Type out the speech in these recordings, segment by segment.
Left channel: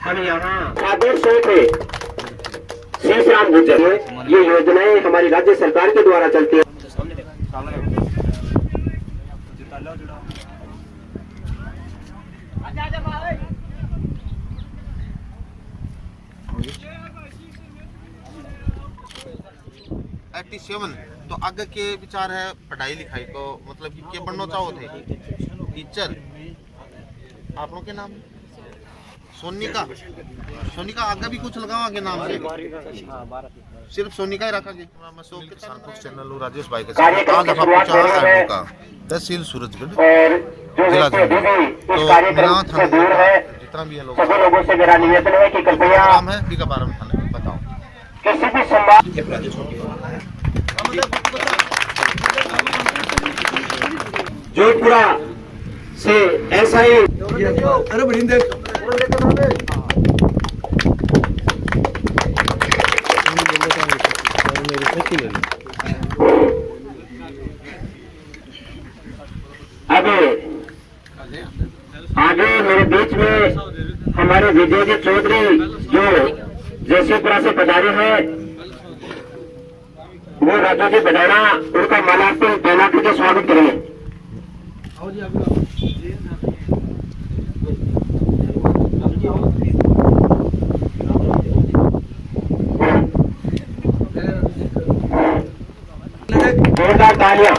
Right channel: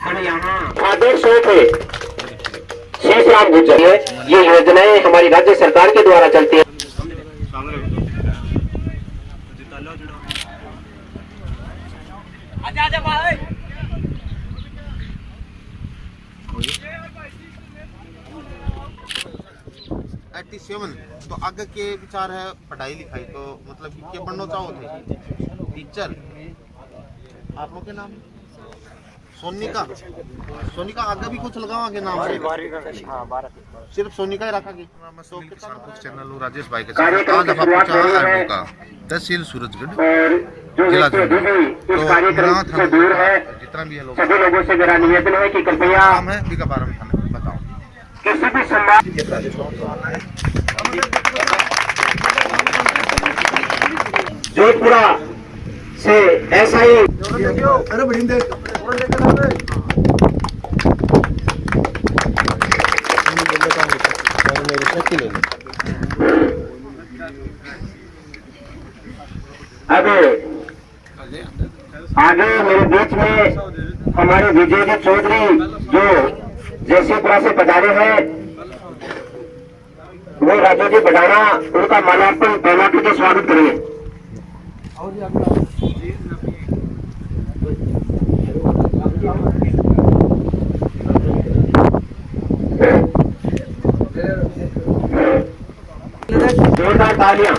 हम यहाँ आदर्श थे शेष राम गुर्जर। ये योजनाएं हमारी राज्य सरकार के द्वारा चलती है। तो आगे के विचार है पढ़ाई लिखाई तो मतलब कि क्या बनना चाहो थे? टीचर। आप लोग के नाम? सोनिका। सोनिका आगे भी कुछ लगावा के नाम से? सिर्फ सोनिका ही रखा के? चैनल राजेश भाई के साथ आज आप पहुंचा आरडू का तहसील सूरजगढ़ जिला जमुई। तो मेरा था जितना भी है लोग नाम है बिका बारे में थाने बताओ। जोधपुरा से ऐसा ही अरे बड़ी देख अब आगे मेरे बीच में हमारे विजय चौधरी जो जयसिंहपुरा से पधारे हैं, वो राजू जी बढ़ाना उनका माल्यार्पण पहला के स्वागत करेंगे। जोरदार तालियां।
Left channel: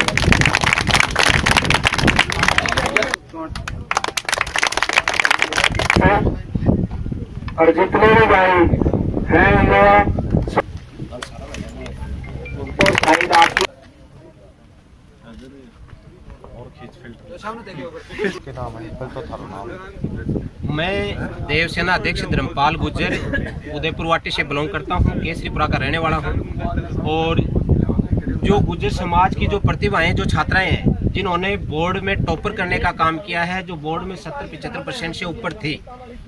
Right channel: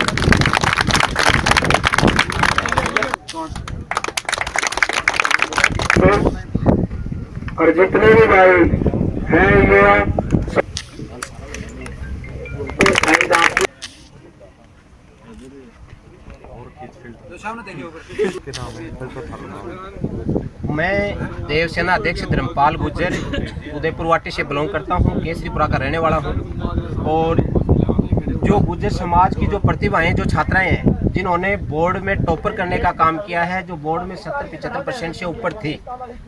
और जितने भी भाई हैं मैं देवसेना अध्यक्ष धर्मपाल गुर्जर उदयपुर वाटी से बिलोंग करता हूं, केसरीपुरा का रहने वाला हूं। और जो गुर्जर समाज की जो प्रतिभाएं, जो छात्राएं हैं जिन्होंने बोर्ड में टॉपर करने का काम किया है, जो बोर्ड में 70-75% से ऊपर थी,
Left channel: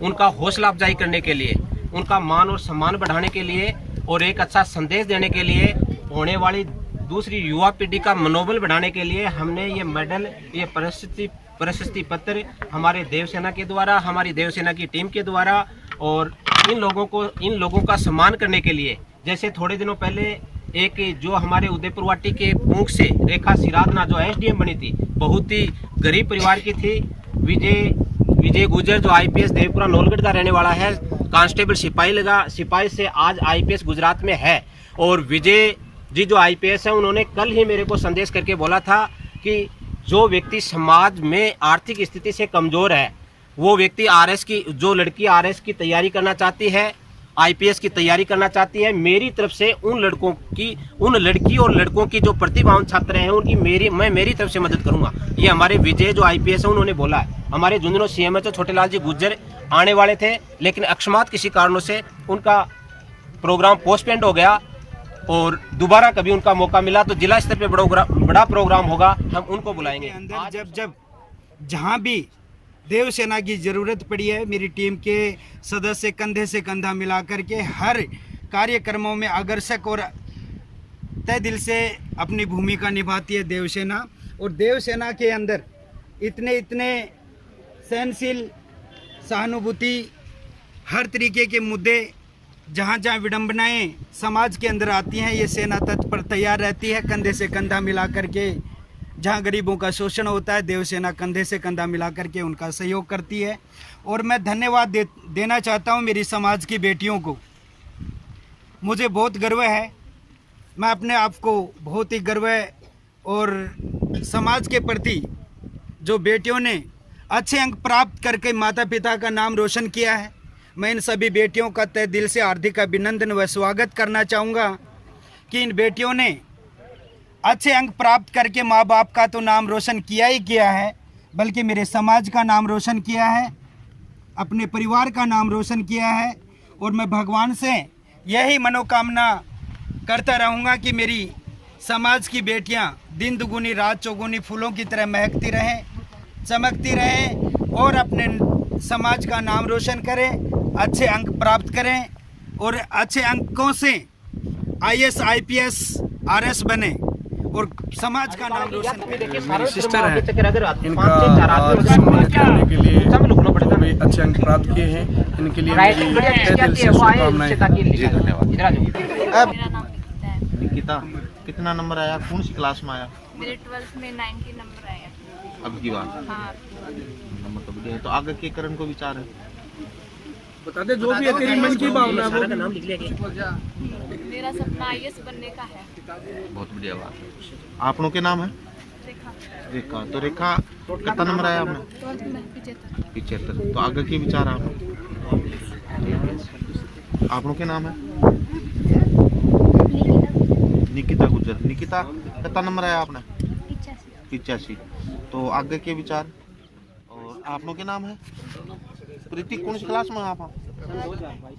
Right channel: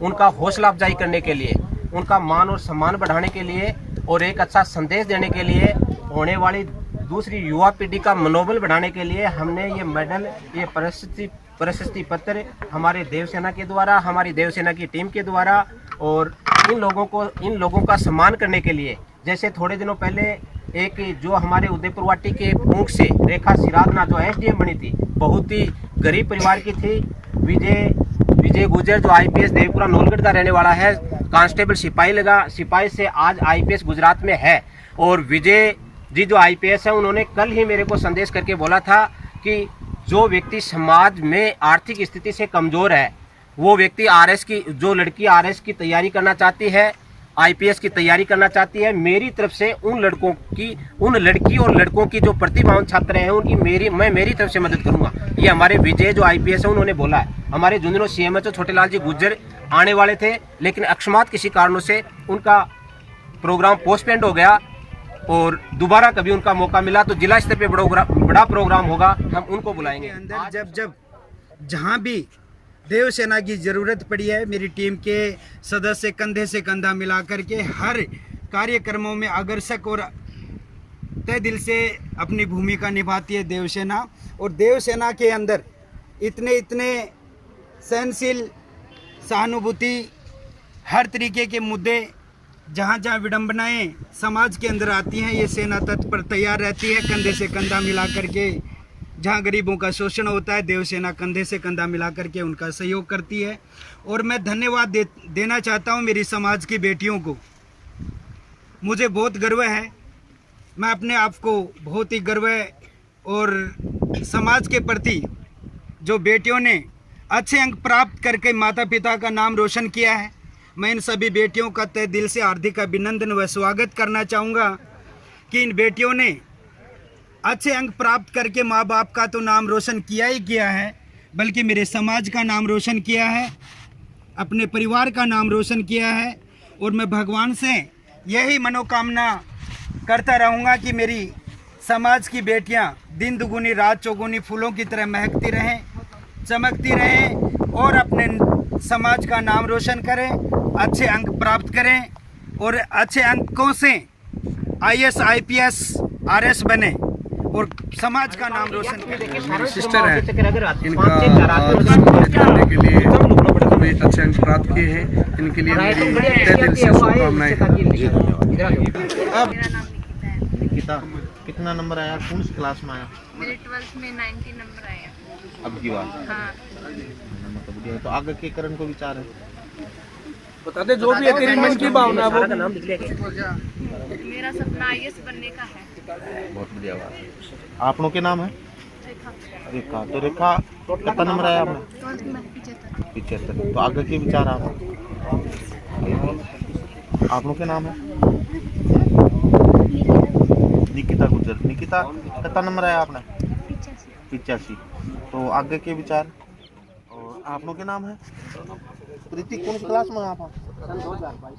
उनका हौसला अफजाई करने के लिए, उनका मान और सम्मान बढ़ाने के लिए और एक अच्छा संदेश देने के लिए, होने वाली दूसरी युवा पीढ़ी का मनोबल बढ़ाने के लिए हमने ये मेडल, ये प्रशस्ति पत्र हमारे देवसेना के द्वारा, हमारी देवसेना की टीम के द्वारा और इन लोगों का सम्मान करने के लिए, जैसे थोड़े दिनों पहले एक जो हमारे उदयपुर वाटी के प्रमुख से रेखा सिराधना जो एसडीएम बनी थी, बहुत ही गरीब परिवार की थी। विजय गुर्जर जो आईपीएस देवपुरा नौलगढ़ का रहने वाला है, कांस्टेबल सिपाही से आज आईपीएस गुजरात में है। और विजय जी जो आईपीएस है, उन्होंने कल ही मेरे को संदेश करके बोला था कि जो व्यक्ति समाज में आर्थिक स्थिति से कमजोर है, वो व्यक्ति जो लड़की आरएस की तैयारी करना चाहती है, आईपीएस की तैयारी करना चाहती है, मेरी तरफ से उन लड़की और लड़कों की जो प्रतिभावान छात्र हैं उनकी मैं मेरी तरफ से मदद करूंगा। ये हमारे विजय जो आईपीएस है उन्होंने बोला है। हमारे झुंझुनू सीएमएचओ छोटेलाल जी गुर्जर आने वाले थे, लेकिन अकस्मात किसी कारणों से उनका प्रोग्राम पोस्टपोन्ड हो गया और दोबारा कभी उनका मौका मिला तो जिला स्तर पे बड़ा प्रोग्राम होगा, हम उनको बुलाएंगे। अंदर जब जहाँ भी देवसेना की जरूरत पड़ी है, मेरी टीम के सदस्य कंधे से कंधा मिला करके हर कार्यक्रमों में अग्रसर और तय दिल से अपनी भूमिका निभाती है देवसेना। और देवसेना के अंदर इतने सहनशील, सहानुभूति, हर तरीके के मुद्दे, जहाँ विडंबनाएं समाज के अंदर आती हैं, ये सेना तत्पर तैयार रहती है कंधे से कंधा मिला करके। जहाँ गरीबों का शोषण होता है, देवसेना कंधे से कंधा मिला करके उनका सहयोग करती है। और मैं धन्यवाद देना चाहता हूँ मेरी समाज की बेटियों को। मुझे बहुत गर्व है, मैं अपने आप को बहुत ही गर्व है। और समाज के प्रति जो बेटियों ने अच्छे अंक प्राप्त करके माता पिता का नाम रोशन किया है, मैं इन सभी बेटियों का तहे दिल से हार्दिक अभिनंदन व स्वागत करना चाहूँगा कि इन बेटियों ने अच्छे अंक प्राप्त करके माँ बाप का तो नाम रोशन किया ही किया है, बल्कि मेरे समाज का नाम रोशन किया है, अपने परिवार का नाम रोशन किया है। और मैं भगवान से यही मनोकामना करता रहूँगा कि मेरी समाज की बेटियाँ दिन दुगुनी रात चौगुनी फूलों की तरह महकती रहें, चमकती रहें और अपने समाज का नाम रोशन करें, अच्छे अंक प्राप्त करें और अच्छे अंकों से आईएएस, आईपीएस, आरएस बने और समाज का नाम रोशन करें। मेरी सिस्टर है, इनका आज सम्मानित करने के लिए भी अच्छे अंक प्राप्त किए हैं। इनके लिए मेरी तहे दिल से शुभकामनाएं। जी धन्यवाद। मेरा नाम निकिता है। निकिता कितना नंबर आया, कौन सी क्लास में आया? मेरे 12th में 90 नंबर आया। अब की बार हाँ, नंबर तो बढ़िया है। तो आगे के करण को विचार है? जो भी है तेरी मन की भावना वो। मेरा सपना IAS बनने का है। बहुत बढ़िया बात है। आपनों के नाम है? रेखा। तो रेखा कितना नंबर आया आपने? 75। तो आगे के विचार आप? आपनों के नाम है? निकिता गुजर। निकिता कितना नंबर आया आपने? 85। तो आगे के विचार? और आपनों के नाम है? प्रीति कौन सी क्लास में आप?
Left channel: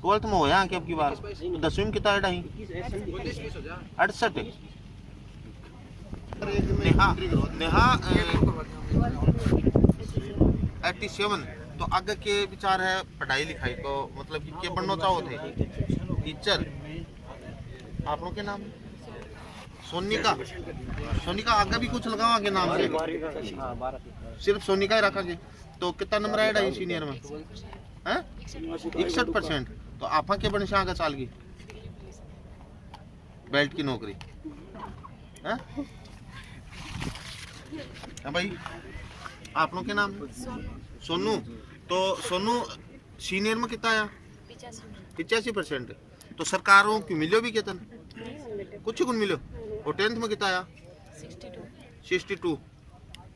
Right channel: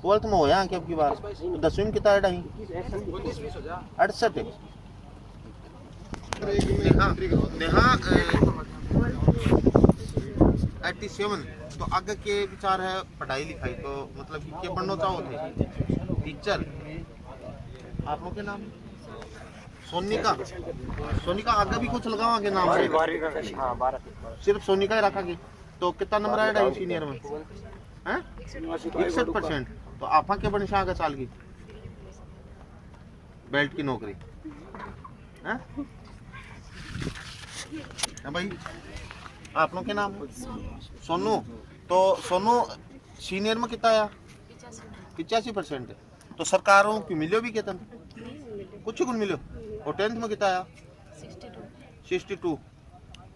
12th में हो यहाँ की अब की बार? तो 10वीं में कितना है? 68। नेहा 87। तो आगे के विचार है पढ़ाई लिखाई को, मतलब कि क्या बनना चाहो थे? टीचर। आप लोग के नाम? सोनिका। सोनिका आगे भी कुछ लगाओ आगे नाम से? सिर्फ सोनिका ही रखा? तो कितना नंबर आएगा सीनियर में? 61%। तो आप क्या बन से आगे चाल की? बेल्ट की नौकरी है? भाई आप लोग के नाम है? सोनू। तो सोनू सीनियर में कितना आया? 85%। तो सरकारों की मिलो भी कितन? कुछ कुछ मिलो। और 10th में कितना आया? 62।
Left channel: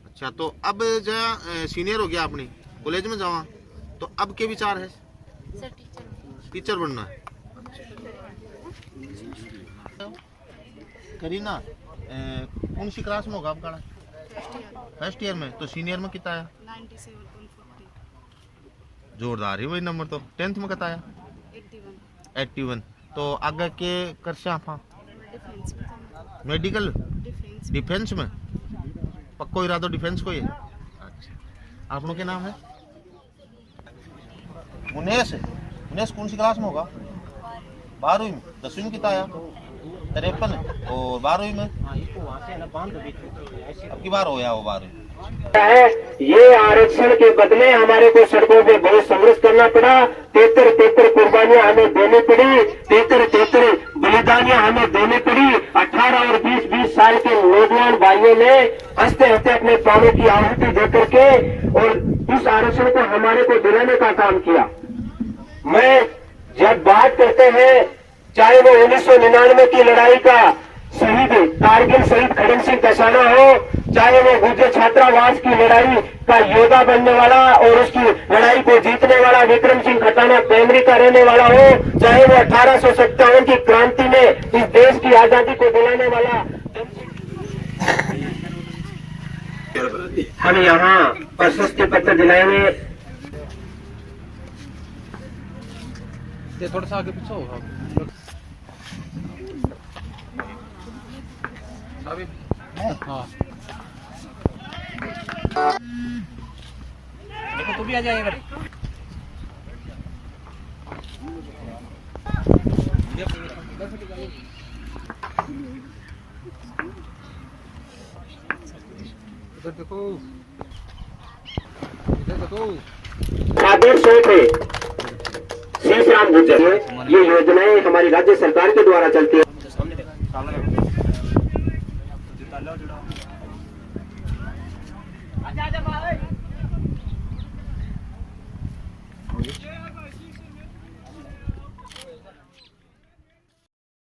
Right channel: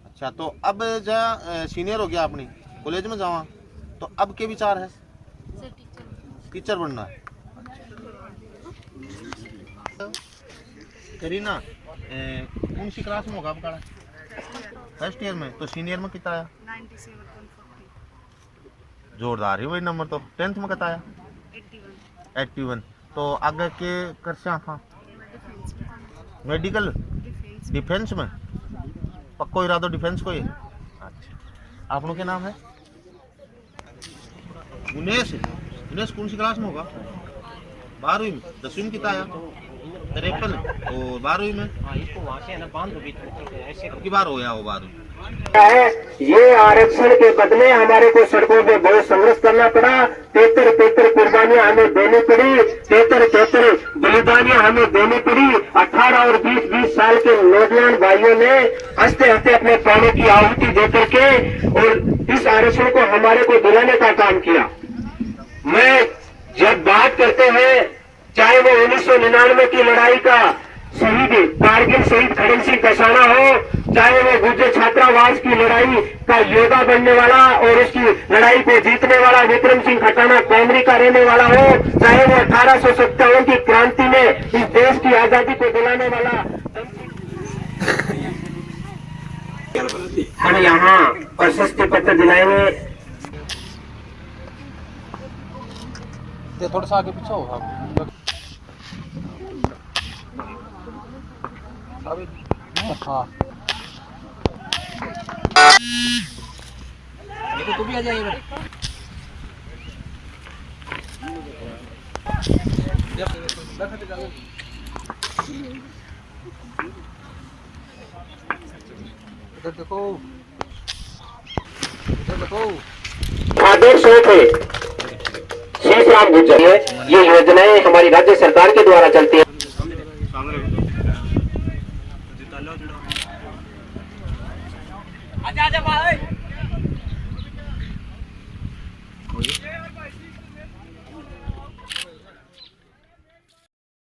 अच्छा, तो अब जहाँ सीनियर हो गया अपनी कॉलेज में जावा, तो अब के विचार है? टीचर बनना है। करीना कौन सी क्लास में होगा आपका? फर्स्ट ईयर में। तो सीनियर में कितना आया? 97.42। जोरदार है वही नंबर। तो 10th में कितना आया? 81। तो आगे के कर से आप? मेडिकल डिफेंस में? पक्को इरादो डिफेंस को ही? अच्छा, आप लोग के नाम है? उन्नीस। उन्नीस कौन सी क्लास में होगा? 12वीं में। 10वीं में कितना आया? 53। और 12वीं में? अब की बार हो गया वो 12वीं। है ये आरक्षण के बदले हमारे को सड़कों पे बहुत संघर्ष करना पड़ा। 73 कुर्बानियां हमें देनी पड़ी। 73 बलिदानियां हमें देनी पड़ी। 18 और 20 साल के नौजवान भाइयों ने हंसते हंसते अपने प्राणों की आहुति दे करके और इस आरक्षण को हमारे को दिलाने का काम किया। मैं जब बात करते हैं, चाहे वो 1999 की लड़ाई का शहीद कारगिल शहीद खड़न सिंह कसाना हो, चाहे वो गुर्जर छात्रावास की लड़ाई का योद्धा बनने वाला और उसकी लड़ाई को जीतने वाला विक्रम सिंह खटाना कैमरी का रहने वाला हो, चाहे वो 1857 की क्रांति में इस देश की आजादी को दिलाने वाला। हम यहाँ प्रशस्ति पत्र दिलाएंगे। थोड़ा सा आगे पीछे हो। हाँ, देखो तू भी आ जाए। देखो आदेश थे शेष राम गुर्जर। ये योजनाएं हमारी राज्य सरकार के द्वारा चलती है।